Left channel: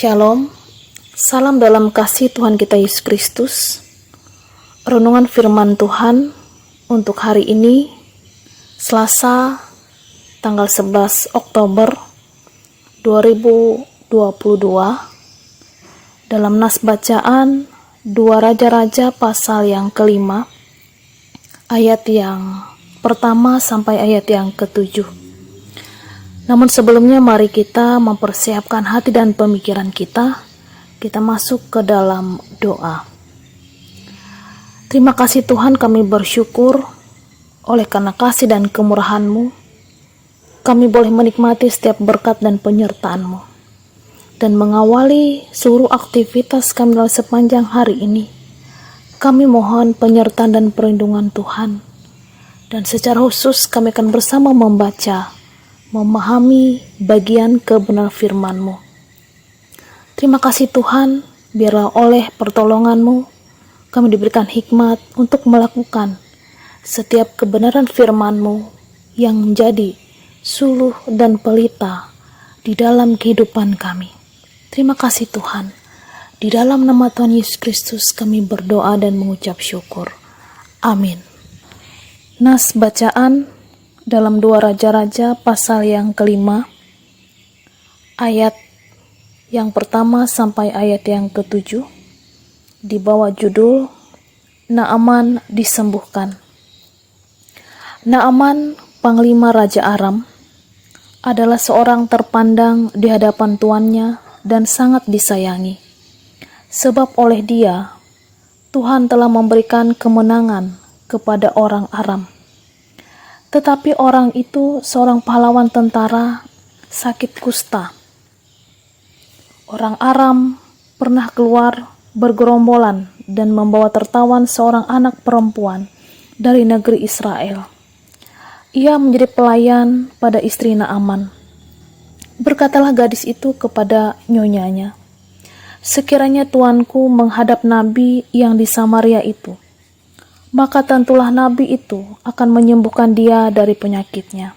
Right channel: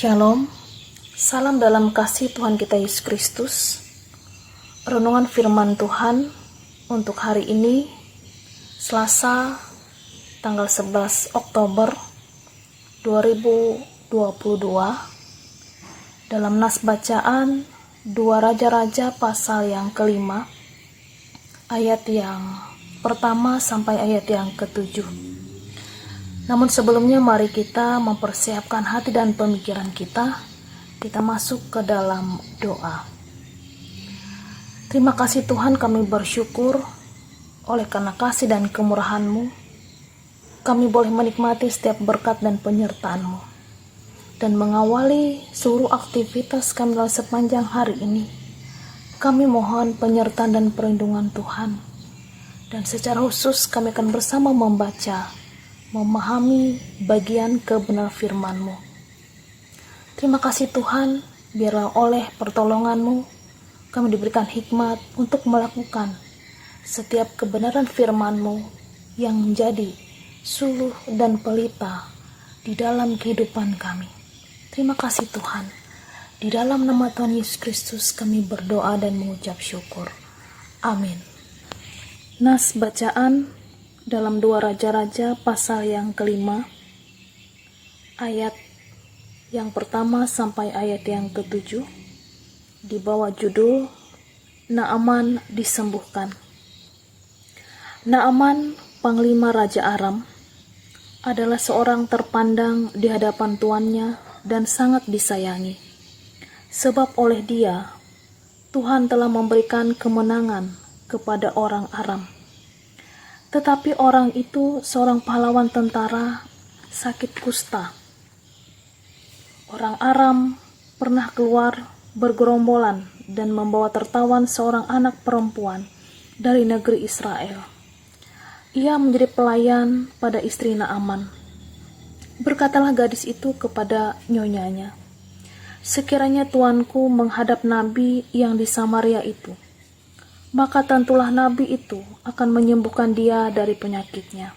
Shalom, salam dalam kasih Tuhan kita Yesus Kristus. Renungan firman Tuhan untuk hari ini, Selasa, tanggal 11 Oktober 2022. Dalam nas bacaan 2 Raja-Raja pasal yang kelima, ayat yang pertama sampai ayat yang ketujuh. Namun sebelumnya mari kita mempersiapkan hati dan pemikiran kita masuk ke dalam doa. Terima kasih Tuhan, kami bersyukur oleh karena kasih dan kemurahan-Mu, kami boleh menikmati setiap berkat dan penyertaan-Mu, dan mengawali seluruh aktivitas kami dalam sepanjang hari ini. Kami mohon penyertaan dan perlindungan Tuhan, dan secara khusus kami akan bersama memahami bagian kebenaran firman-Mu. Terima kasih Tuhan, biarlah oleh pertolongan-Mu kami diberikan hikmat untuk melakukan setiap kebenaran firman-Mu yang menjadi suluh dan pelita di dalam kehidupan kami. Terima kasih Tuhan. Di dalam nama Tuhan Yesus Kristus kami berdoa dan mengucap syukur. Amin. Nas bacaan dalam 2 Raja-Raja pasal yang kelima, ayat yang pertama sampai ayat yang ketujuh, di bawah judul Naaman disembuhkan. Naaman, panglima Raja Aram, adalah seorang terpandang di hadapan tuannya dan sangat disayangi, sebab oleh dia Tuhan telah memberikan kemenangan kepada orang Aram. Tetapi orang itu, seorang pahlawan tentara, sakit kusta. Orang Aram pernah keluar bergerombolan dan membawa tertawan seorang anak perempuan dari negeri Israel. Ia menjadi pelayan pada istri Naaman. Berkatalah gadis itu kepada nyonyanya, "Sekiranya tuanku menghadap nabi yang di Samaria itu, maka tentulah nabi itu akan menyembuhkan dia dari penyakitnya."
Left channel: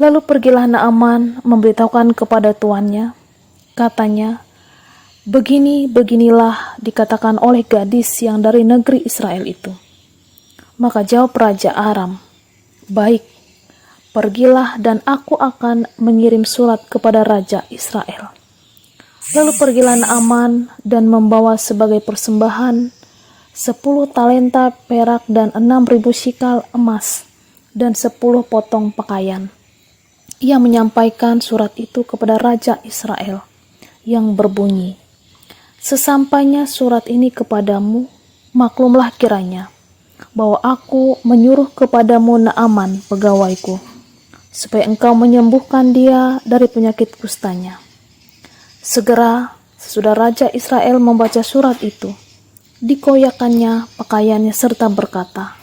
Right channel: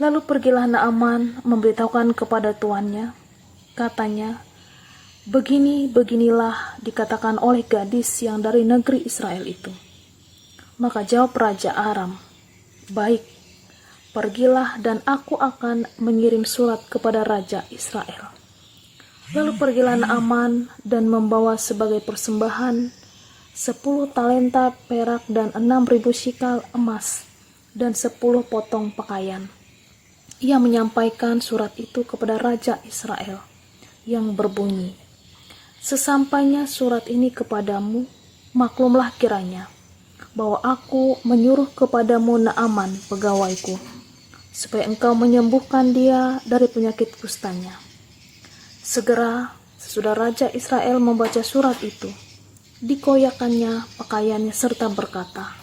Lalu pergilah Naaman memberitahukan kepada tuannya. Katanya, "Beginilah dikatakan oleh gadis yang dari negeri Israel itu." Maka jawab Raja Aram, "Baik, pergilah dan aku akan mengirim surat kepada Raja Israel." Lalu pergilah Naaman dan membawa sebagai persembahan 10 talenta perak dan 6.000 shikal emas dan 10 potong pakaian. Ia menyampaikan surat itu kepada Raja Israel yang berbunyi, "Sesampainya surat ini kepadamu, maklumlah kiranya bahwa aku menyuruh kepadamu Naaman pegawaiku, supaya engkau menyembuhkan dia dari penyakit kustanya." Segera sesudah Raja Israel membaca surat itu, dikoyakannya pakaiannya serta berkata,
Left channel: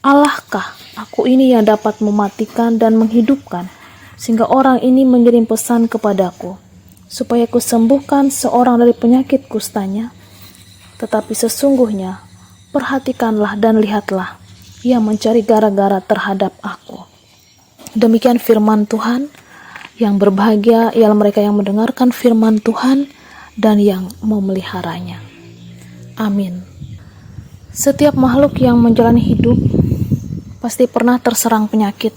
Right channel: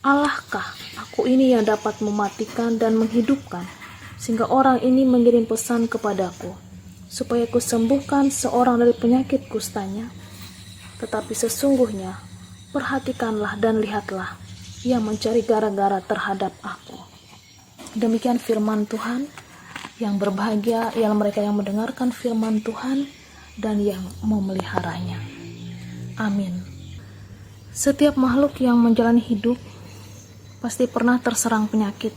"Allahkah aku ini yang dapat mematikan dan menghidupkan, sehingga orang ini mengirim pesan kepadaku, supaya ku sembuhkan seorang dari penyakit kustanya? Tetapi sesungguhnya, perhatikanlah dan lihatlah, ia mencari gara-gara terhadap aku." Demikian firman Tuhan. Yang berbahagia ialah mereka yang mendengarkan firman Tuhan dan yang memeliharanya. Amin. Setiap makhluk yang menjalani hidup pasti pernah terserang penyakit.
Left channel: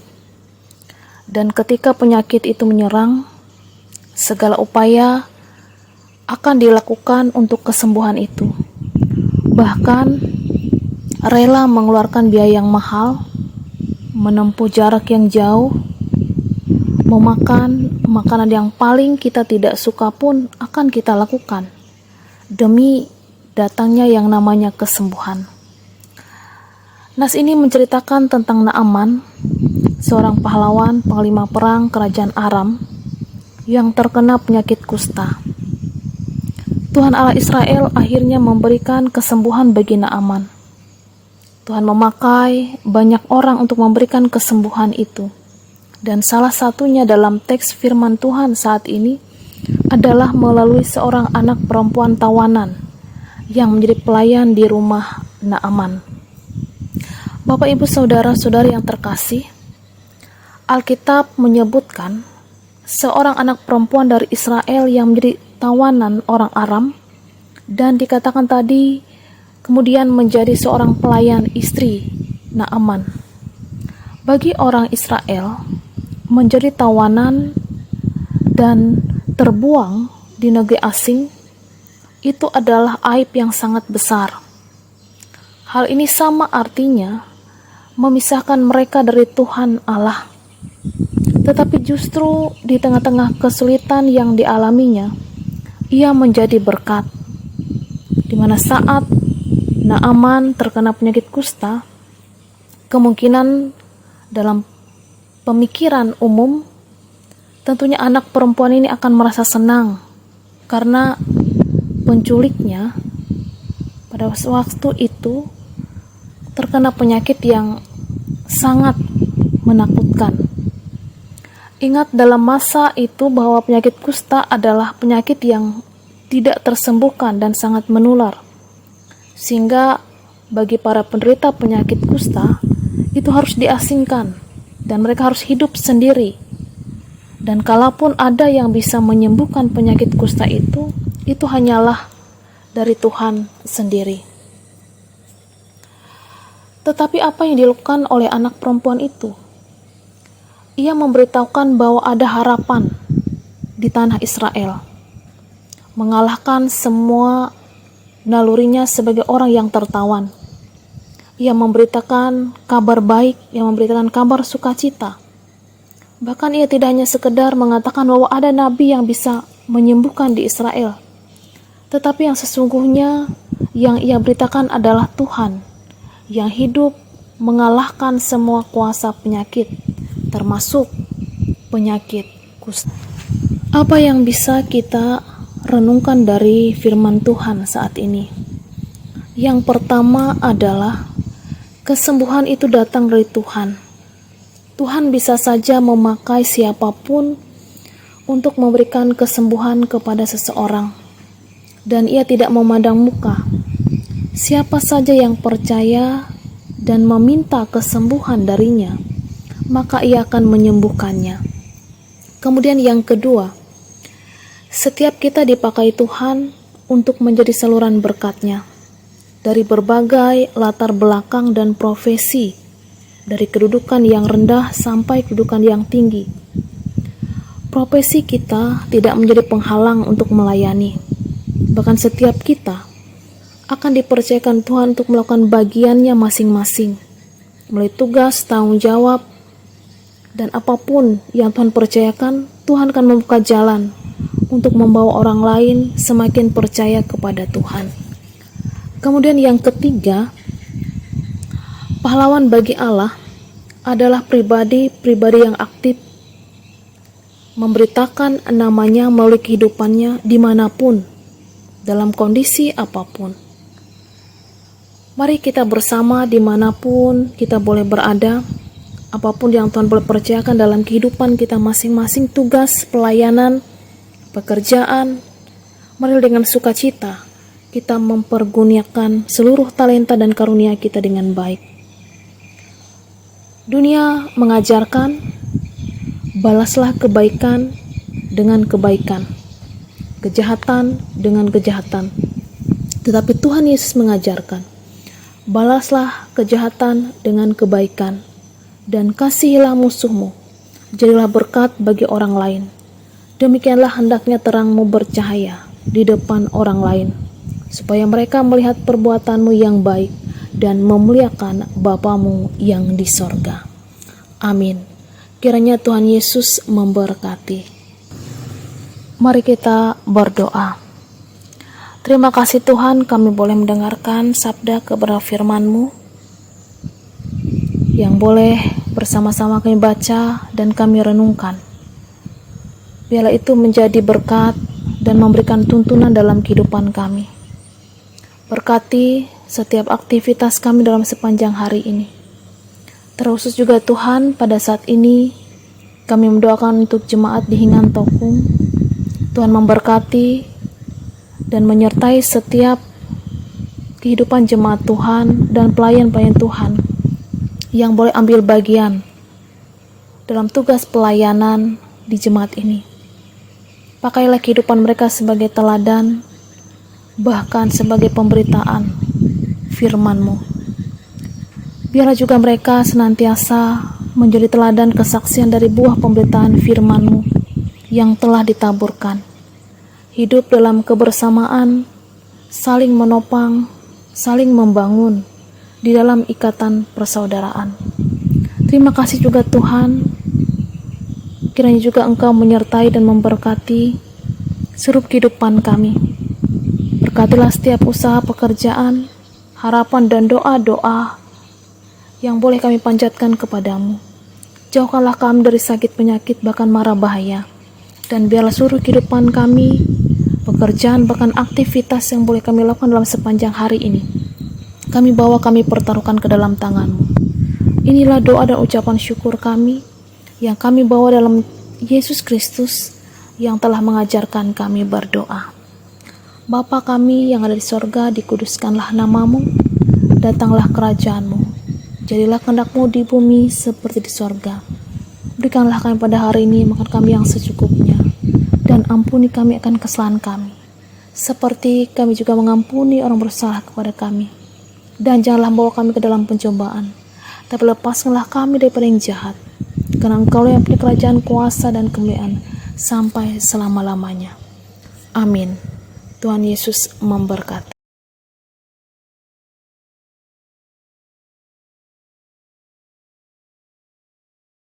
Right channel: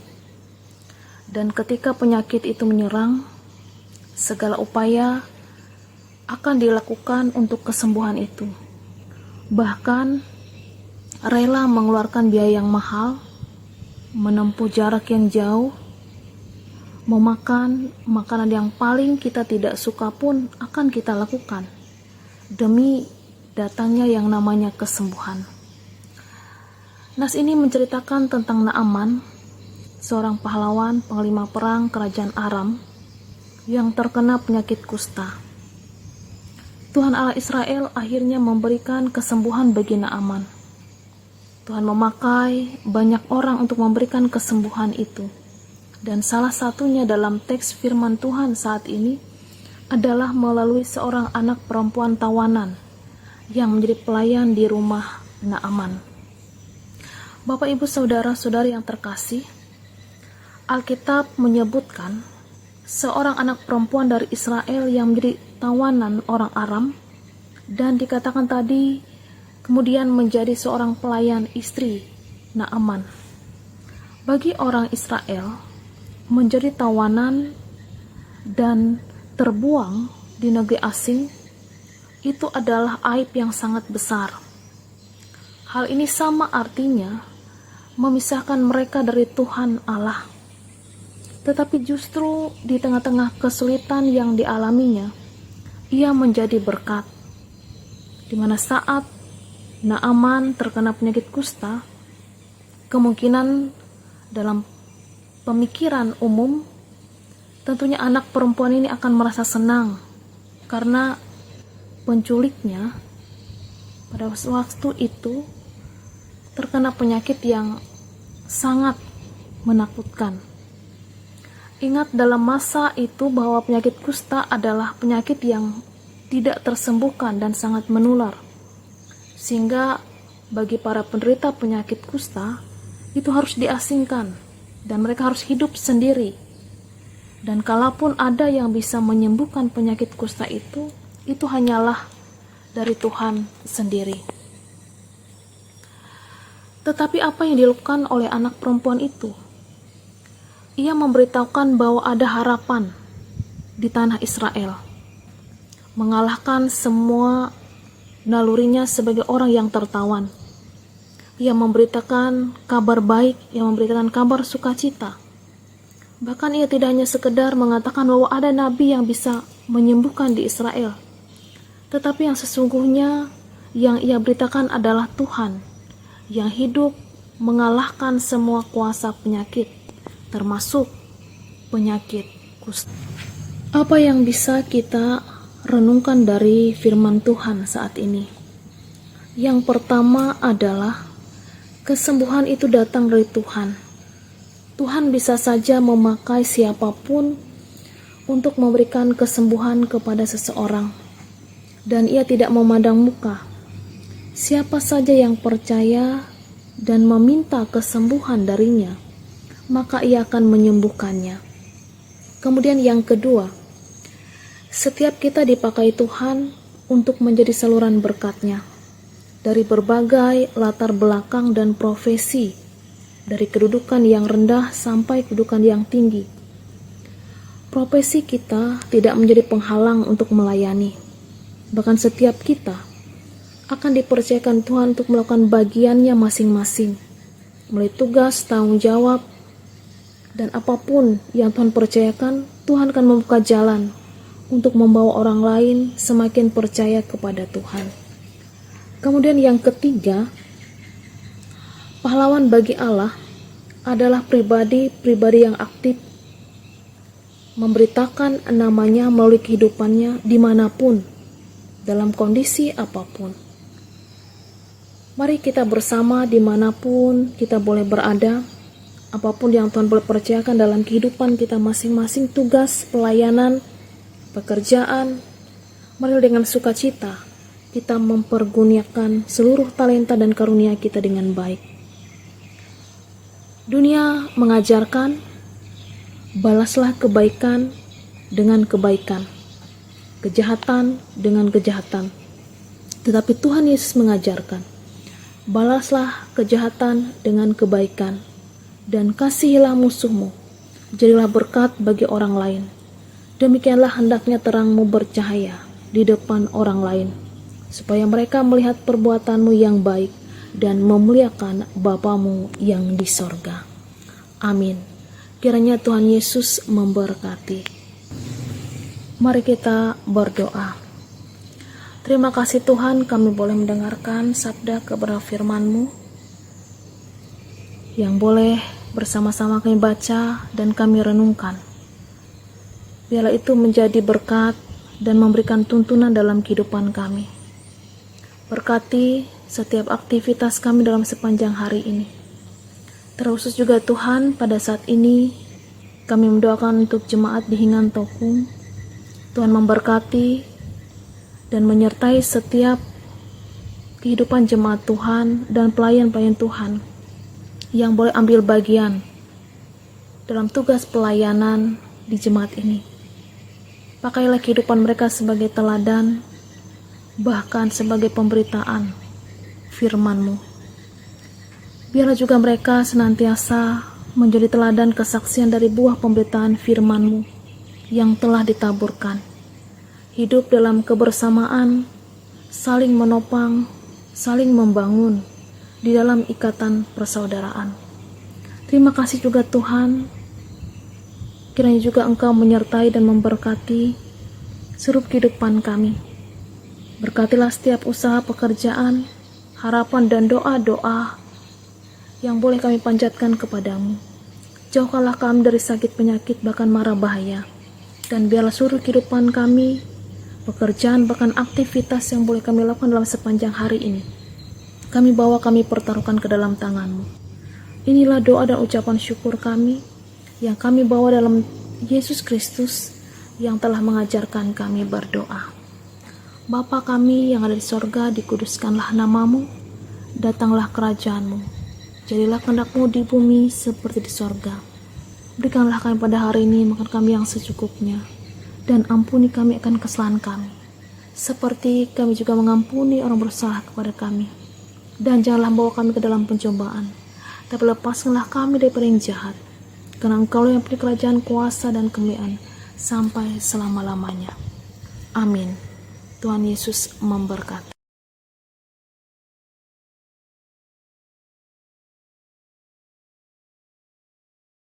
Dan ketika penyakit itu menyerang, segala upaya akan dilakukan untuk kesembuhan itu. Bahkan rela mengeluarkan biaya yang mahal, menempuh jarak yang jauh, memakan makanan yang paling kita tidak suka pun akan kita lakukan demi datangnya yang namanya kesembuhan. Nas ini menceritakan tentang Naaman, seorang pahlawan panglima perang kerajaan Aram yang terkena penyakit kusta. Tuhan Allah Israel akhirnya memberikan kesembuhan bagi Naaman. Tuhan memakai banyak orang untuk memberikan kesembuhan itu. Dan salah satunya dalam teks firman Tuhan saat ini adalah melalui seorang anak perempuan tawanan yang menjadi pelayan di rumah Naaman. Bapak, Ibu, Saudara-saudari yang terkasih, Alkitab menyebutkan seorang anak perempuan dari Israel yang menjadi tawanan orang Aram, dan dikatakan tadi kemudian menjadi seorang pelayan istri Naaman. Bagi orang Israel, menjadi tawanan dan terbuang di negeri asing itu adalah aib yang sangat besar. Hal ini sama artinya memisahkan mereka dari Tuhan Allah. Tetapi justru di tengah-tengah kesulitan yang dialaminya, ia menjadi berkat. Di mana saat Naaman terkena penyakit kusta, kemungkinan dalam pemikiran umum, tentunya anak perempuan ini akan merasa senang karena penculiknya pada waktu itu terkena penyakit yang sangat menakutkan. Ingat dalam masa itu bahwa penyakit kusta adalah penyakit yang tidak tersembuhkan dan sangat menular. Sehingga bagi para penderita penyakit kusta itu harus diasingkan dan mereka harus hidup sendiri. Dan kalaupun ada yang bisa menyembuhkan penyakit kusta itu hanyalah dari Tuhan sendiri. Tetapi apa yang dilakukan oleh anak perempuan itu? Ia memberitahukan bahwa ada harapan di tanah Israel, mengalahkan semua nalurinya sebagai orang yang tertawan. Ia memberitakan kabar baik, ia memberitakan kabar sukacita. Bahkan ia tidak hanya sekedar mengatakan bahwa ada nabi yang bisa menyembuhkan di Israel, tetapi yang sesungguhnya yang ia beritakan adalah Tuhan yang hidup mengalahkan semua kuasa penyakit, termasuk penyakit kusta. Apa yang bisa kita renungkan dari firman Tuhan saat ini? Yang pertama adalah kesembuhan itu datang dari Tuhan. Tuhan bisa saja memakai siapapun untuk memberikan kesembuhan kepada seseorang, dan ia tidak memandang muka. Siapa saja yang percaya dan meminta kesembuhan darinya, maka ia akan menyembuhkannya. Kemudian yang kedua, setiap kita dipakai Tuhan untuk menjadi saluran berkat-Nya dari berbagai latar belakang dan profesi, dari kedudukan yang rendah sampai kedudukan yang tinggi. Profesi kita tidak menjadi penghalang untuk melayani. Bahkan setiap kita akan dipercayakan Tuhan untuk melakukan bagiannya masing-masing, melalui tugas, tanggung jawab, dan apapun yang Tuhan percayakan, Tuhan akan membuka jalan untuk membawa orang lain semakin percaya kepada Tuhan. Kemudian yang ketiga, pahlawan bagi Allah adalah pribadi-pribadi yang aktif memberitakan namanya melalui kehidupannya dimanapun, dalam kondisi apapun. Mari kita bersama dimanapun kita boleh berada, apapun yang Tuhan boleh percayakan dalam kehidupan kita masing-masing, tugas, pelayanan, pekerjaan, mari dengan sukacita kita mempergunakan seluruh talenta dan karunia kita dengan baik. Dunia mengajarkan, balaslah kebaikan dengan kebaikan, kejahatan dengan kejahatan. Tetapi Tuhan Yesus mengajarkan, balaslah kejahatan dengan kebaikan, dan kasihilah musuhmu, jadilah berkat bagi orang lain. Demikianlah hendaknya terangmu bercahaya di depan orang lain, supaya mereka melihat perbuatanmu yang baik dan memuliakan Bapamu yang di sorga. Amin. Kiranya Tuhan Yesus memberkati. Mari kita berdoa. Terima kasih Tuhan, kami boleh mendengarkan sabda kebenaran firman-Mu yang boleh bersama-sama kami baca dan kami renungkan. Biarlah itu menjadi berkat dan memberikan tuntunan dalam kehidupan kami. Berkati setiap aktivitas kami dalam sepanjang hari ini. Terkhusus juga Tuhan, pada saat ini kami mendoakan untuk jemaat di Hingan Tokung. Tuhan memberkati dan menyertai setiap kehidupan jemaat Tuhan dan pelayan-pelayan Tuhan yang boleh ambil bagian dalam tugas pelayanan di jemaat ini. Pakailah kehidupan mereka sebagai teladan, bahkan sebagai pemberitaan firman-Mu. Biarlah juga mereka senantiasa menjadi teladan kesaksian dari buah pemberitaan firman-Mu yang telah ditaburkan. Hidup dalam kebersamaan, saling menopang, saling membangun di dalam ikatan persaudaraan. Terima kasih juga Tuhan, kiranya juga Engkau menyertai dan memberkati seluruh kehidupan kami. Berkatilah setiap usaha pekerjaan, harapan dan doa-doa yang boleh kami panjatkan kepadamu. Jauhkanlah kami dari sakit penyakit bahkan mara bahaya, dan biarlah seluruh kehidupan kami, pekerjaan bahkan aktivitas yang boleh kami lakukan dalam sepanjang hari ini, kami pertaruhkan ke dalam tangan-Mu. Inilah doa dan ucapan syukur kami yang kami bawa dalam Yesus Kristus yang telah mengajarkan kami berdoa. Bapa kami yang ada di sorga, dikuduskanlah nama-Mu, datanglah kerajaan-Mu, jadilah kehendak-Mu di bumi seperti di sorga. Berikanlah kami pada hari ini makan kami yang secukupnya, dan ampuni kami akan kesalahan kami, seperti kami juga mengampuni orang bersalah kepada kami. Dan janganlah bawa kami ke dalam pencobaan, tapi lepaskanlah kami daripada yang jahat, karena Engkau yang punya kerajaan, kuasa, dan kemuliaan sampai selama-lamanya. Amin. Tuhan Yesus memberkati.